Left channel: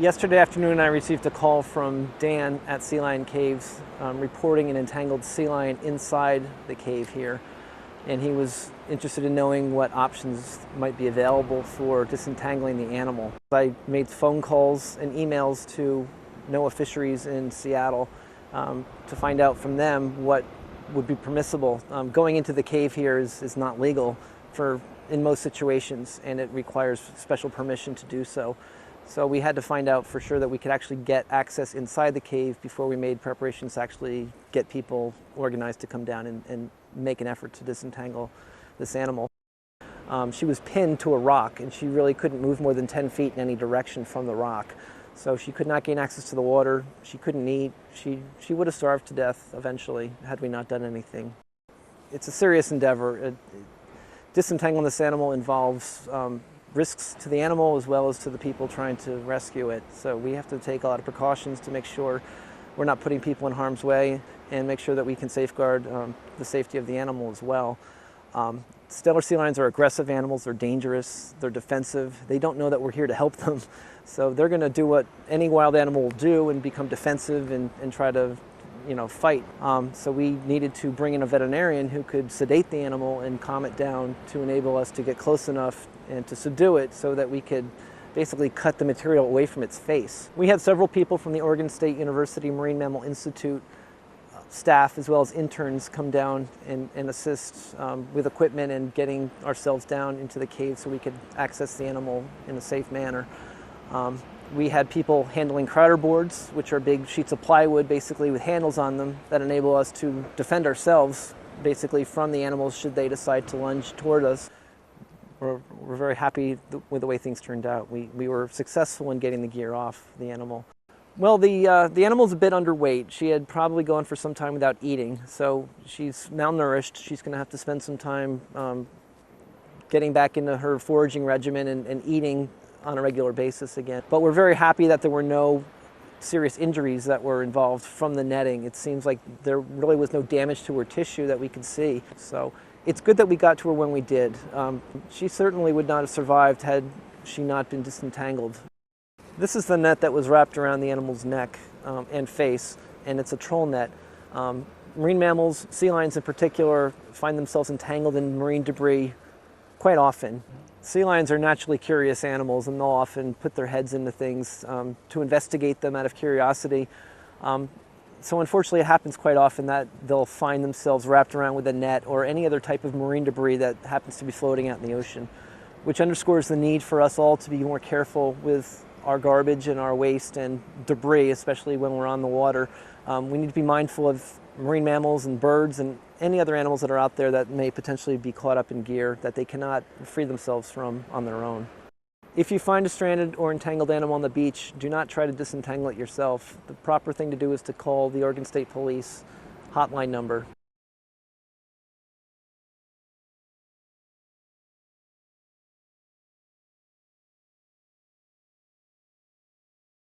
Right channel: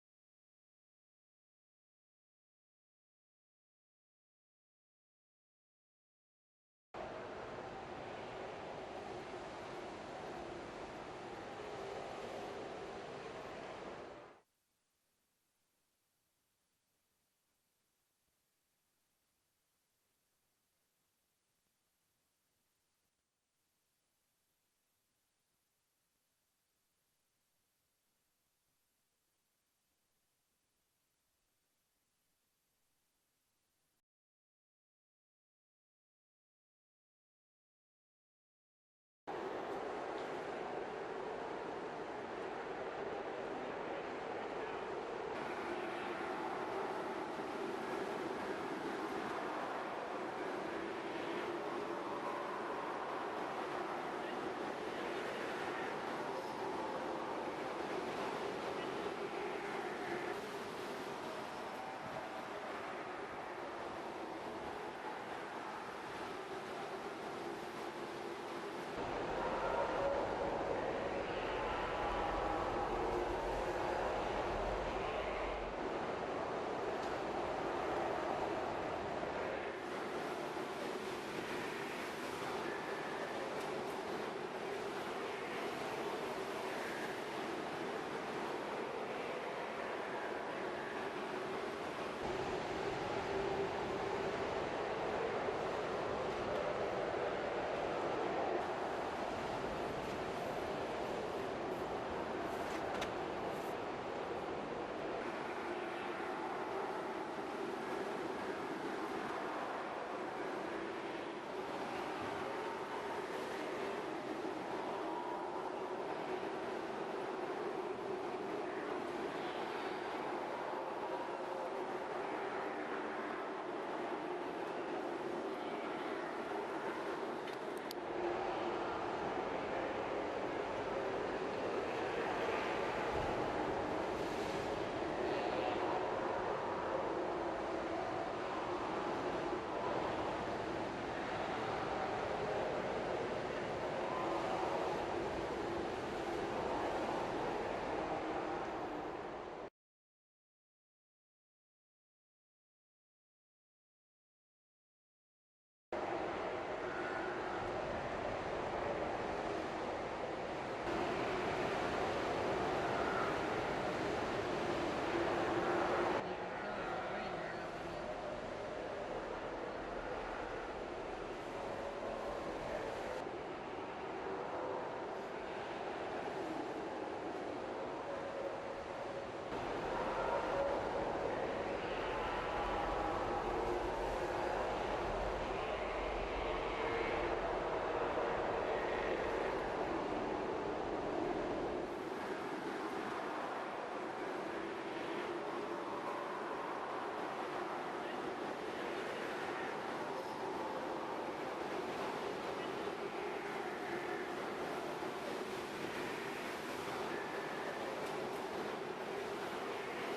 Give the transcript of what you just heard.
Yesterday afternoon I received a call from Dan at Sea Lion Caves reporting an entangled sea lion inside the cave here. And he was interested in knowing what options might be available for disentangling the animal. I made phone calls and emails to NOAA Fisheries in Seattle to find out from them what would be permissible. Going into the cave here is not legal in most situations, and it requires special permission to do so. So we had to find out for sure that we could actually get access inside the cave before we made preparations to actually get people organized to come down and make an effort to disentangle this animal. She was pinned to a rock, and she really couldn't move more than 10 feet in any direction from the rock. So she could not gain access to the water, she couldn't eat, she would have starved to death eventually had we not done anything. It's a serious endeavor. Disentangling this animal involves risks to the animal as well as to the people trying to rescue it. So we have to take a lot of precautions to make sure we're not putting people in harm's way and make sure that we can safeguard the safety of the animal as well. Steller sea lions are aggressive animals, they're dangerous, they're defensive, they don't know that we're here to help them. So they're going to do what any wild animal will do and become defensive and try to fight. So we needed to bring in a veterinarian who could sedate the animal and calm it down to enable us to get close enough and to subdue it so that we could basically cut the material away from its face. We had several people from the Oregon State University Marine Mammal Institute staff as well as interns come down and assist with equipment and getting ourselves down into the cave so we could access the animal in a safe manner. We had people handling crowder boards, which are big sheets of plywood basically with handles on them that enable us to defend ourselves basically from the animals should they decide to lunge toward us. We're very happy with the way things turned out. We were successful in getting the gear off the animal. Well, the animal's a bit underweight. She had probably gone for some time without eating, so she's malnourished. She's going to have to spend some time getting back into her foraging regimen and eating on a regular basis again. But we're very happy that there were no serious injuries that were involved from the netting. It seems like there really was no damage to her tissue that we could see. So it's good that we got to her when we did. She certainly would not have survived had she not been disentangled. This is the net that was wrapped around the animal's neck and face, and it's a trawl net. Marine mammals, sea lions in particular, find themselves entangled in marine debris quite often. Sea lions are naturally curious animals, and they'll often put their heads into things to investigate them out of curiosity. So unfortunately it happens quite often that they'll find themselves wrapped around with a net or any other type of marine debris that happens to be floating out in the ocean, which underscores the need for us all to be more careful with our garbage and our waste and debris, especially when we're on the water. We need to be mindful of marine mammals and birds and any other animals that are out there that may potentially be caught up in gear that they cannot free themselves from on their own. If you find a stranded or entangled animal on the beach, do not try to disentangle it yourself. The proper thing to do is to call the Oregon State Police hotline number,